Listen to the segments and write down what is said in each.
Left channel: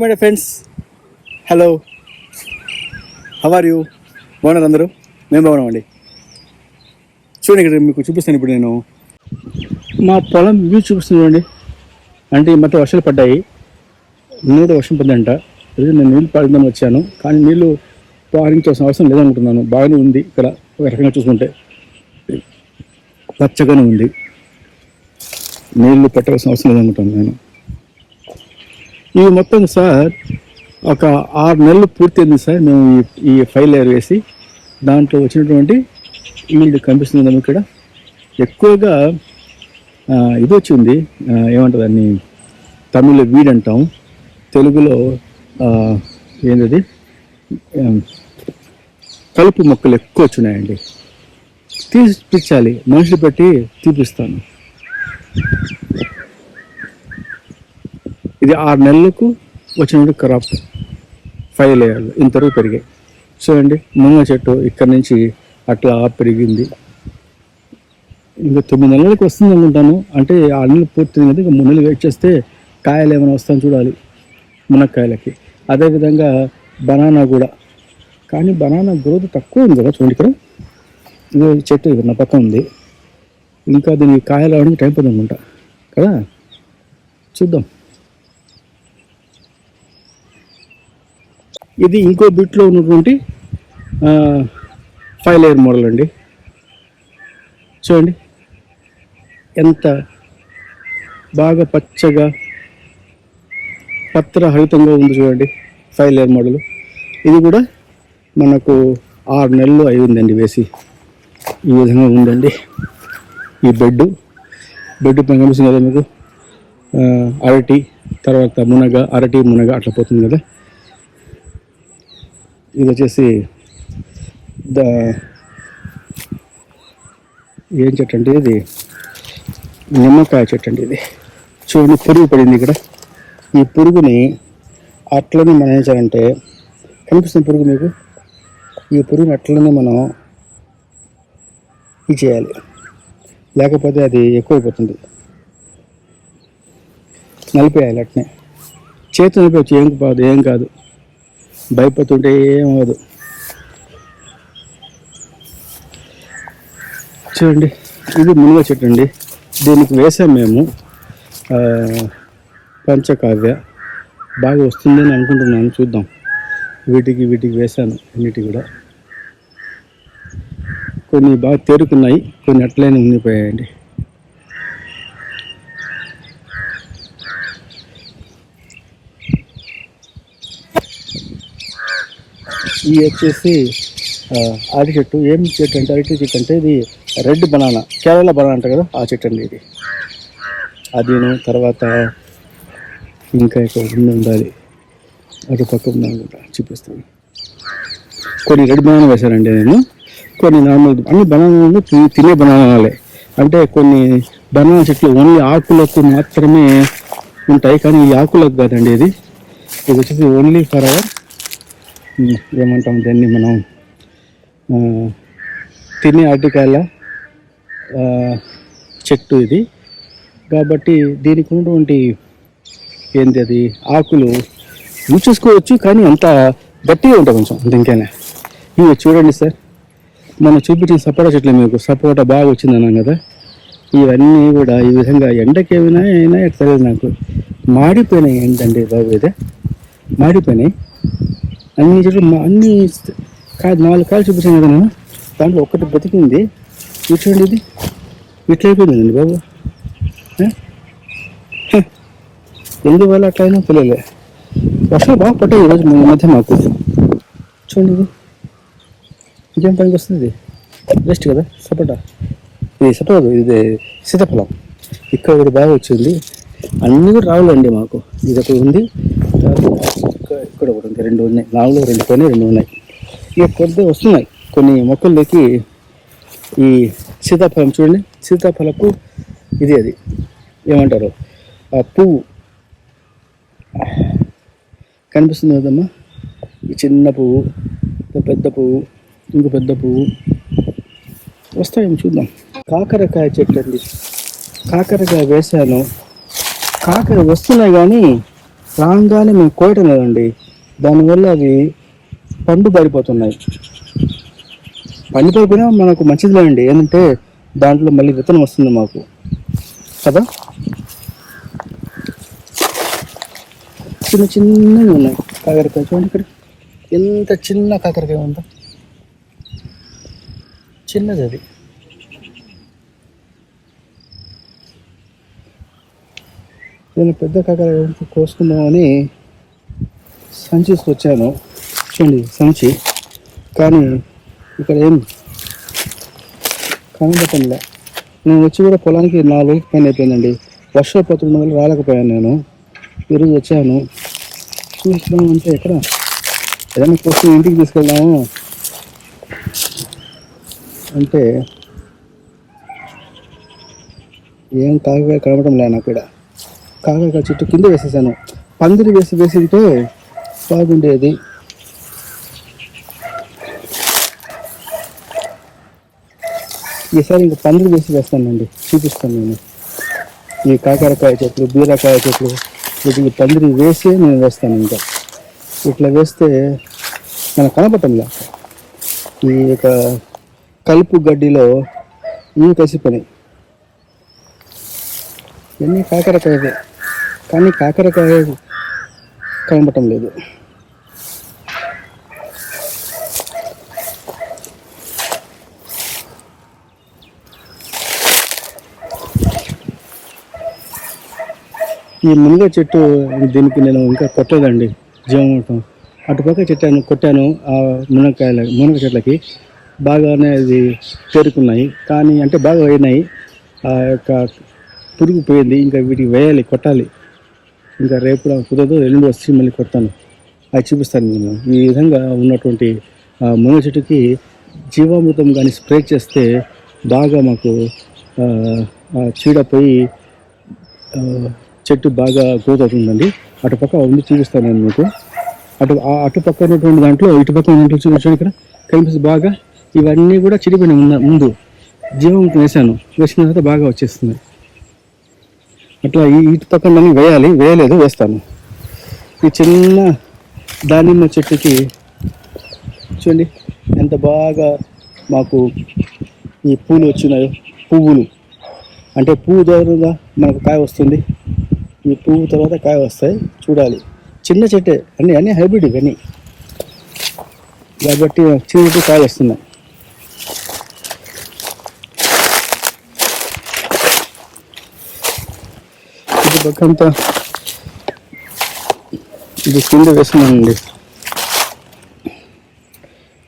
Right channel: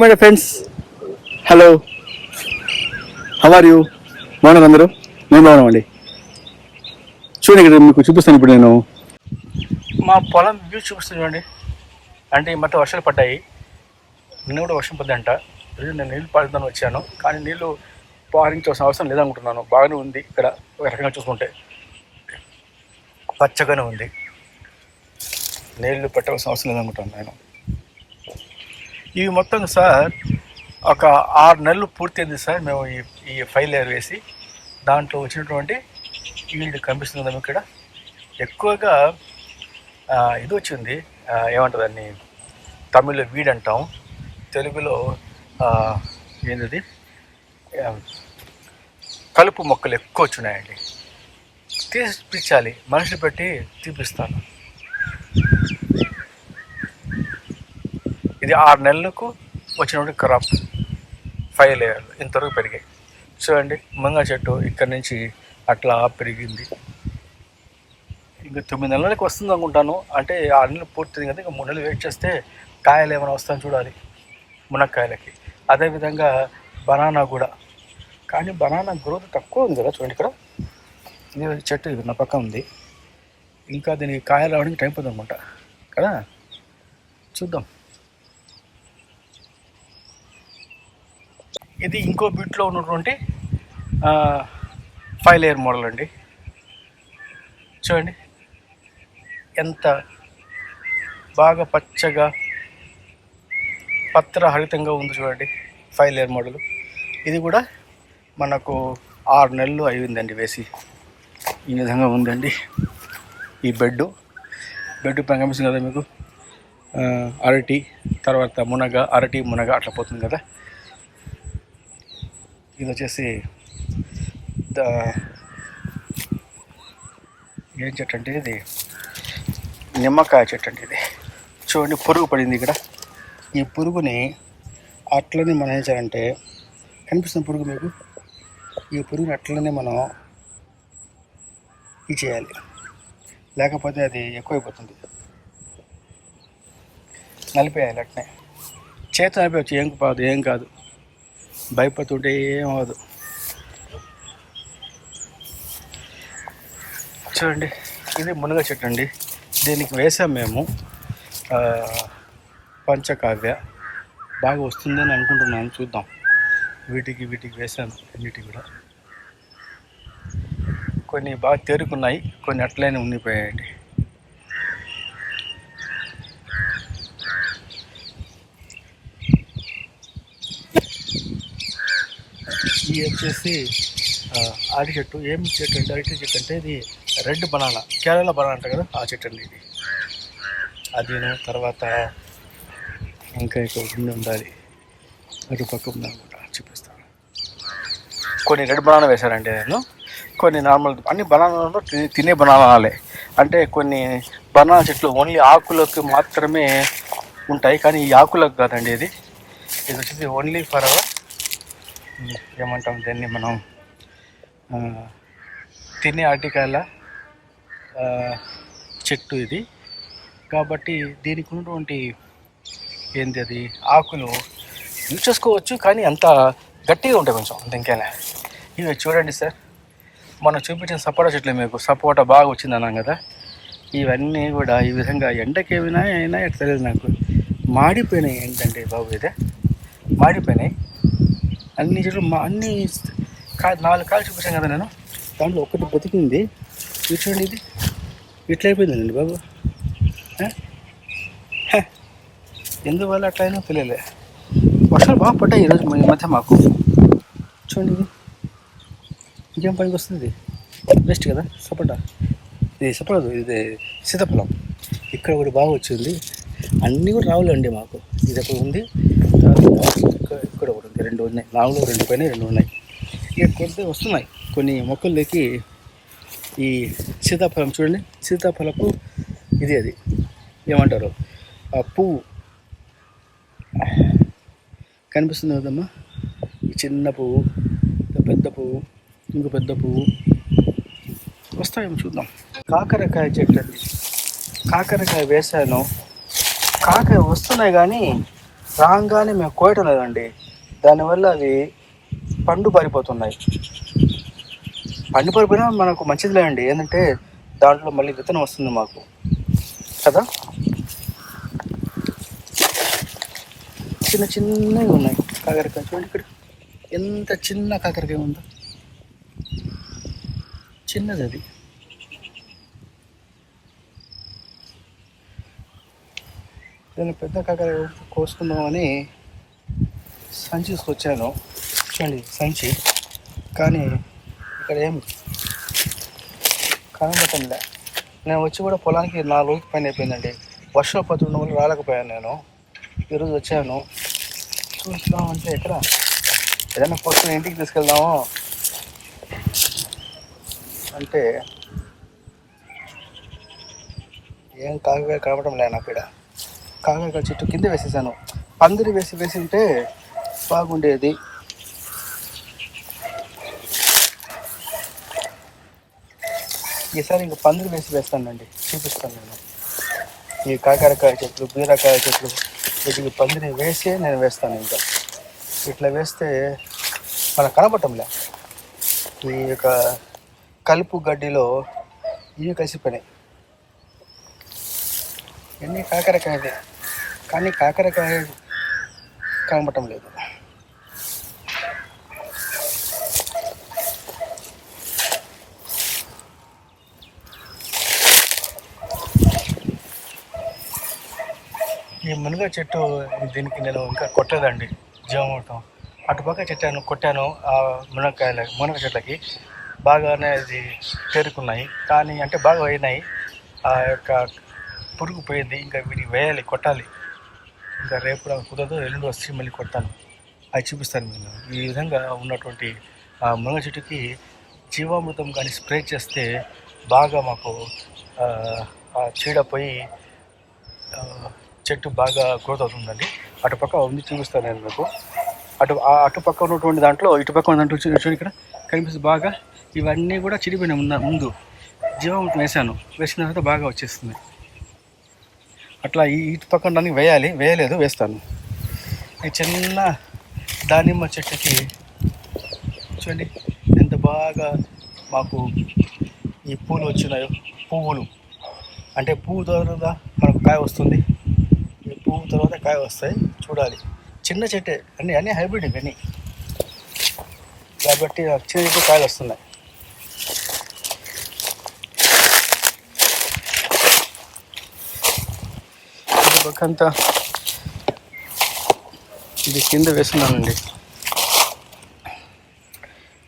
My friends, hello, how are you? బాగున్నారు అందరూ? మేము బాగున్నామండి. చూడండి, ఇక్కడ మీకు చూపిస్తాను. ఇప్పుడు నేను మా పొలం వ్యూ చూపిస్తాను చూడండి. అంటే ఈ మధ్య వర్షాలు పడ్డాయి, నిన్న కూడా వర్షం పడ్డాయంట. ఈరోజు నేను నీళ్ళు పాడుదామని వచ్చాను, కానీ నీళ్ళు పారించాల్సిన అవసరం లేదనుకుంటున్నాను. బాగానే ఉంది ఇక్కడ. ఒక రకంగా చూసుకుంటే పచ్చగానే ఉంది, నీళ్లు పెట్టవలసిన అవసరం లేదనుకుంటున్నాను నేను. ఇవి మొత్తం సార్ ఒక 6 నెలలు పూర్తయింది సార్. మేము ఈ ఫైల్ లేయర్ వేసి దాంట్లో వచ్చినటువంటి ఈల్డ్ కనిపిస్తుంది కదా ఇక్కడ. ఎక్కువగా ఇది వచ్చింది, ఏమంటుంది దాన్ని తమిళ్లో వీడ్ అంటాం, తెలుగులో ఏంటది కలుపు మొక్కలు ఎక్కువ వచ్చినాయండి. తీపిచ్చాలి, మనుషులు పెట్టి తీపిస్తాను. ఇది 6 నెలలకు వచ్చినటువంటి క్రాప్. 5 లేయర్లు ఇంతవరకు పెరిగాయి చూడండి. ముంగ చెట్టు ఇక్కడ నుంచి అట్లా పెరిగింది. ఇంకా 9 నెలలకు వస్తుంది అనుకుంటాను. అంటే 6 నెలలు పూర్తింది కదా, ఇంకా 3 నెలలు వెయిట్ చేస్తే కాయలు ఏమైనా వస్తాయని చూడాలి మునక్కాయలకి. అదేవిధంగా బనానా కూడా, కానీ బనానా గ్రోత్ తక్కువ ఉంది కదా చూడండి. ఇక్కడ ఇది చెట్టు ఇది నా పక్కన ఉంది, ఇంకా దీనికి కాయలు రావడానికి టైం పడుతుంది అనుకుంటా కదా. చూద్దాం. ఇది ఇంకో బిట్లో ఉన్నటువంటి 5 లేయర్ మోడల్ అండి. చూడండి ఎంత బాగా పచ్చగా పత్రహరితంగా ఉంది చూడండి. 5 లేయర్ మోడల్. ఇది కూడా మనకు 6 నెలలు అయిందండి వేసి. ఈ విధంగా ఉందండి ఈ బెడ్ పైన కనిపిస్తుంది కదా మీకు. అరటి, తర్వాత మునగ, అరటి మునగ అట్లా పోతుంది కదా. ఇది వచ్చేసి ఏం చెట్టు అంటే ఇది నిమ్మకాయ చెట్టు అండి. ఇది చూడండి, పురుగు పడింది ఇక్కడ. ఈ పురుగుని అట్లనే మనం ఏం చేయాలంటే, కనిపిస్తుంది పురుగు మీకు, ఈ పురుగుని అట్లనే మనం ఇది చేయాలి, లేకపోతే అది ఎక్కువైపోతుంది. నలిపేయాలి అట్నే, చేతి నలిపేయచ్చు, ఏం కాదు, భయపడుతుంటే ఏమవదు. చూడండి, ఇది మునగ చెట్టు అండి. దీనికి వేసాం మేము పంచకావ్య. బాగా వస్తుందని అనుకుంటున్నాను, చూద్దాం. వీటికి వేసాను అన్నిటి కూడా. కొన్ని బాగా తేరుకున్నాయి, కొన్ని అట్లనే ఉండిపోయాయండి. ఇది వచ్చేసి అరటి చెట్టు. ఏం చెట్టు అంటే అరటి చెట్టు అంటే ఇది రెడ్ బనానా, కేరళ బనానా అంట కదా, ఆ చెట్టు అండి ఇది. అదిను తర్వాత ఇంకా ఇక్కడ ఉండాలి, అటు పక్క ఉందనుకుంటా, చూపిస్తాను. కొన్ని రెడ్ బనానా వేశానండి నేను, కొన్ని నార్మల్ అన్ని బనానాలు తినే బనానాలే. అంటే కొన్ని బనానా చెట్లు ఓన్లీ ఆకులకు మాత్రమే ఉంటాయి, కానీ ఈ ఆకులకు కాదండి. ఇది వచ్చేసి ఓన్లీ ఫర్ అవర్ ఏమంటాం దాన్ని మనం తినే అరటికాయల చెట్టు ఇది. కాబట్టి దీనికి ఉన్నటువంటి ఏంటి అది ఆకులు యూజ్ చేసుకోవచ్చు, కానీ అంత గట్టిగా ఉంటుంది కొంచెం, ఇంకేనా. ఇవి చూడండి సార్, మనం చూపించిన సపోటా చెట్లు, మీకు సపోటా బాగా వచ్చింది అన్నాం కదా. ఇవన్నీ కూడా ఈ విధంగా ఎండకి అయినా తెలియదు నాకు, మాడిపోయినాయి. ఏంటంటే బాబు, ఇదే మాడిపోయినాయి అన్ని చెట్లు. అన్ని 4 కాయలు చూపించాను కదా నేను, దాంట్లో ఒక్కటి బతికింది. చూడండి, ఇది ఇట్లా అయిపోయిందండి బాబు. ఎందువల్ల అట్లా అయినా తెలియలే. వర్షాలు బాగా పడ్డాయి ఈరోజు ఈ మధ్య మాకు. చూడండి, ఇది ఇంకేం పనికి వస్తుంది, బెస్ట్ కదా సపోటా. ఇది సపోటా, ఇది సీతాఫలం. ఇక్కడ కూడా బాగా వచ్చింది. అన్నీ కూడా రావులండి మాకు. ఇది ఒకటి ఉంది, ఇక్కడ ఒకటి ఉంది, 2 ఉన్నాయి. 4 2 పైన 2 ఉన్నాయి. ఇక కొద్ది వస్తున్నాయి కొన్ని మొక్కల్లోకి. ఈ సీతాఫలం చూడండి, సీతాఫలకు ఇది అది ఏమంటారు ఆ పువ్వు కనిపిస్తుంది కదమ్మా. ఈ చిన్న పువ్వు, పెద్ద పువ్వు, ఇంకో పెద్ద పువ్వు వస్తాయేమో చూద్దాం. కాకరకాయ చెట్టు అండి, కాకరకాయ వేసాను. కాకర వస్తున్నాయి కానీ రాగానే మేము కోయటం లేదండి, దానివల్ల అవి పండు పారిపోతున్నాయి. పండు పారిపోయినా మనకు మంచిదిలేండి, ఏంటంటే దాంట్లో మళ్ళీ విత్తనం వస్తుంది మాకు కదా. చిన్న చిన్నవి ఉన్నాయి కాకరకాయ, చూడండి ఇక్కడ ఎంత చిన్న కాకరకాయ ఉందో, చిన్నది అది. నేను పెద్ద కాకరకాయ కోసుకుందామని సంచి తీసుకొచ్చాను, చూడండి సంచి, కానీ ఇక్కడ ఏం కనబడటంలే. నేను వచ్చి కూడా పొలానికి 4 రోజుల పైన అయిపోయిందండి, వర్షాలు పడుతుండడం వల్ల రాలేకపోయాను. నేను ఈరోజు వచ్చాను, చూస్తామంటే ఎక్కడ ఏదైనా కోసం ఇంటికి తీసుకెళ్దాము అంటే ఏం కాకరకాయ కనబడటం లే నాకు. ఇక్కడ కాకరకాయ చెట్టు కింద వేసేసాను, పందిరి వేసింటే బాగుండేది. ఈసారి ఇంకా పందిరి వేస్తానండి, చూపిస్తాను నేను. ఈ కాకరకాయ చెట్లు, బీరకాయ చెట్లు వీటికి పందిరి వేసి నేను వేస్తాను. ఇంకా ఇట్లా వేస్తే మనకు కనపడటంలే. ఈ యొక్క కలుపు గడ్డిలో ఇవి కలిసిపోయినాయి. ఎన్ని కాకరకాయలే, కానీ కాకరకాయ కనపడటం లేదు. ఈ మునగ చెట్టు దీనికి నేను ఇంకా కొట్టలేదండి, జీవమూటం. అటుపక్క చెట్టాను, కొట్టాను. ఆ మునగ చెట్లకి బాగానే అది చేరుకున్నాయి, కానీ అంటే బాగా అయినాయి. ఆ యొక్క పురుగు పోయింది, ఇంకా వీటికి వేయాలి, కొట్టాలి. ఇంకా రేపు కుదరదు, ఎల్లుండి వచ్చి మళ్ళీ కొడతాను, అది చూపిస్తాను నేను. ఈ విధంగా ఉన్నటువంటి మునగ చెట్టుకి జీవామృతం కానీ స్ప్రే చేస్తే బాగా మాకు చీడ పోయి చెట్టు బాగా గ్రోత్ అవుతుందండి. అటుపక్క ఉంది, చూపిస్తాను నేను మీకు. అటుపక్క ఉన్నటువంటి దాంట్లో ఇటుపక్క ఉన్న దాంట్లో చూడండి, ఇక్కడ కనిపిస్తుంది బాగా. ఇవన్నీ కూడా చిడిపోయినాయి. ముందు జీవామృతం వేసిన తర్వాత బాగా వచ్చేస్తుంది. అట్లా ఇటు పక్కన వేయలేదు, వేస్తాను. ఈ చిన్న దానిమ్మ చెట్టుకి చూడండి ఎంత బాగా మాకు ఈ పూలు వచ్చినాయో. పువ్వులు అంటే పువ్వు ద్వారా మనకు కాయ వస్తుంది, ఈ పువ్వు తర్వాత కాయ వస్తాయి, చూడాలి. చిన్న చెట్టే, అన్నీ హైబ్రిడ్ ఇవన్నీ, కాబట్టి చిన్న చెట్టు కాయలు వస్తున్నాయి. ఇది పక్కంతా ఇది కింద వేస్తున్నానండి.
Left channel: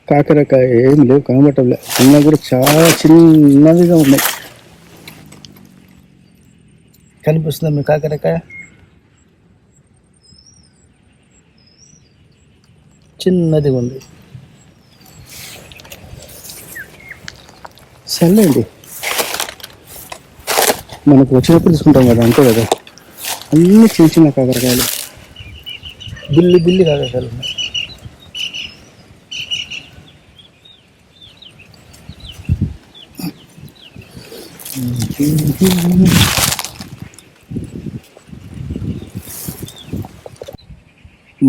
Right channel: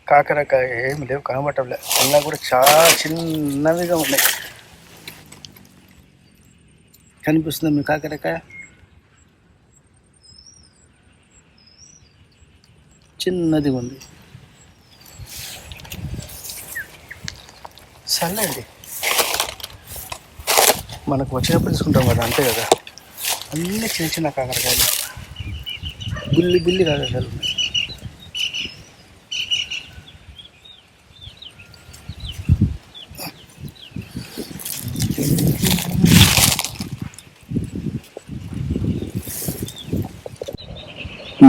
కాకరకాయ ఏమి లేవు, కనబట్టలే. అన్నా కూడా చాలా చిన్నవిగా ఉన్నాయి. కనిపిస్తుందా మీ కాకరకాయ? చిన్నది ఉంది. సర్లేండి, మనకు వచ్చినప్పుడు తీసుకుంటాం కదా, అంతే కదా. అన్నీ చిన్న చిన్న కాకరకాయలు, బిల్లి కాకరకాయలు ఉన్నాయి.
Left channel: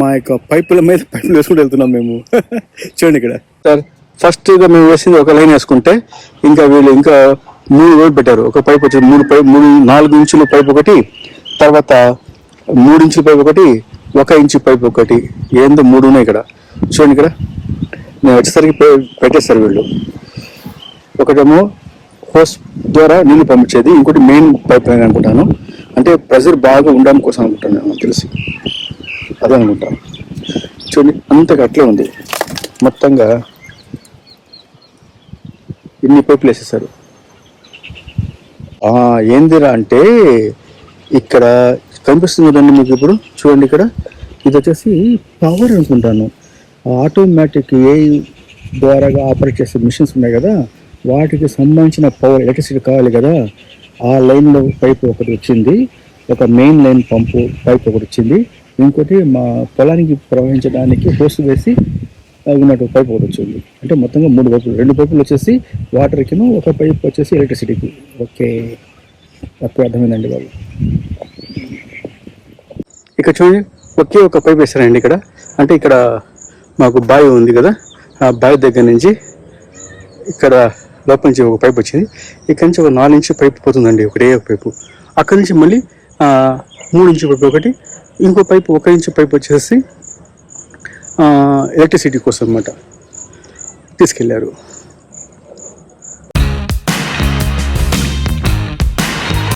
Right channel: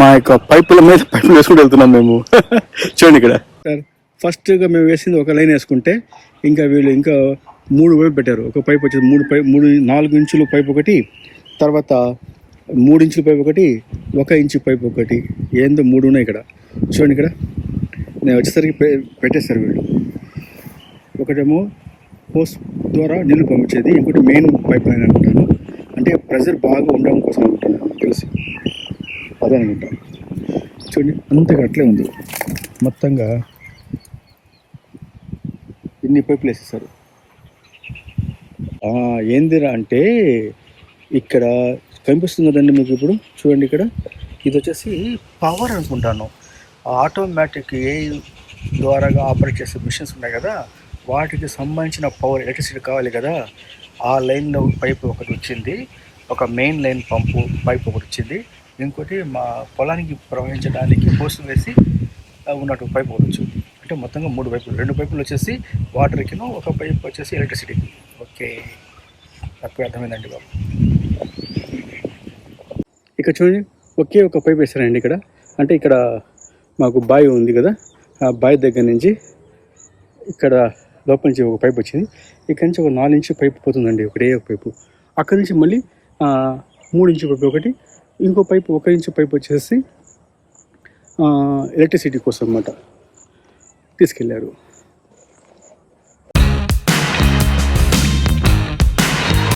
మా యొక్క పైపులు వేసుకుంటూ వెళ్తున్నాం మేము. చూడండి ఇక్కడ సార్, ఫస్ట్గా మేము వేసింది ఒక లైన్ వేసుకుంటే ఇంకా వీళ్ళు ఇంకా 3 రోజులు పెట్టారు. ఒక పైప్ వచ్చేది 4 ఇంచుల పైప్ ఒకటి, తర్వాత 3 ఇంచుల పైప్ ఒకటి, 1 ఇంచు పైప్ ఒకటి, ఏందో 3 ఉన్నాయి ఇక్కడ. చూడండి ఇక్కడ నేను వచ్చేసరికి పెట్టేస్తారు వీళ్ళు. ఒకటేమో హోస్ ద్వారా నీళ్ళు పంపించేది, ఇంకోటి మెయిన్ పైప్ లైన్ అనుకుంటాను. అంటే ప్రెజర్ బాగా ఉండడం కోసం అనుకుంటాను నాకు తెలిసి, అదే అనుకుంటాను. చూడండి అంతగా అట్లే ఉంది, మొత్తంగా ఇన్ని పైపులు వేసేసారు. ఏందిరా అంటే ఇక్కడ కనిపిస్తుంది కదండి మీకు ఇప్పుడు, చూడండి ఇక్కడ ఇది వచ్చేసి పవర్ అనుకుంటాను. ఆటోమేటిక్ ఏ ద్వారా ఆపరేట్ చేసే మిషన్స్ ఉన్నాయి కదా, వాటికి సంబంధించిన పవర్ ఎలక్ట్రిసిటీ కావాలి కదా. ఆ లైన్లో పైపు ఒకటి వచ్చింది, ఒక మెయిన్ లైన్ పంపు పైప్ ఒకటి వచ్చింది, ఇంకోటి మా పొలానికి ప్రవహించడానికి హోస్ వేసి ఉన్నట్టు పైప్ ఒకటి వచ్చింది. అంటే మొత్తంగా 3 పైపులు, 2 పైపులు వచ్చేసి వాటర్కిను, ఒక పైప్ వచ్చేసి ఎలక్ట్రిసిటీకి. ఓకే, తప్పు అర్థమైందండి బాబు. ఇక్కడ చూడండి ఒకే ఒక పైప్ వేస్తారండి ఇక్కడ. అంటే ఇక్కడ మాకు బావి ఉంది కదా, ఆ బావి దగ్గర నుంచి ఇక్కడ లోపల నుంచి ఒక పైప్ వచ్చింది. ఇక్కడ నుంచి ఒక 4 ఇంచు పైప్ పోతుందండి, ఒకటే ఒక పైపు. అక్కడి నుంచి మళ్ళీ 3 ఇంచు పైపు ఒకటి, ఇంకో పైపు 1 ఇంచు పైప్ వచ్చేసి ఎలక్ట్రిసిటీ కోసం అన్నమాట తీసుకెళ్ళారు.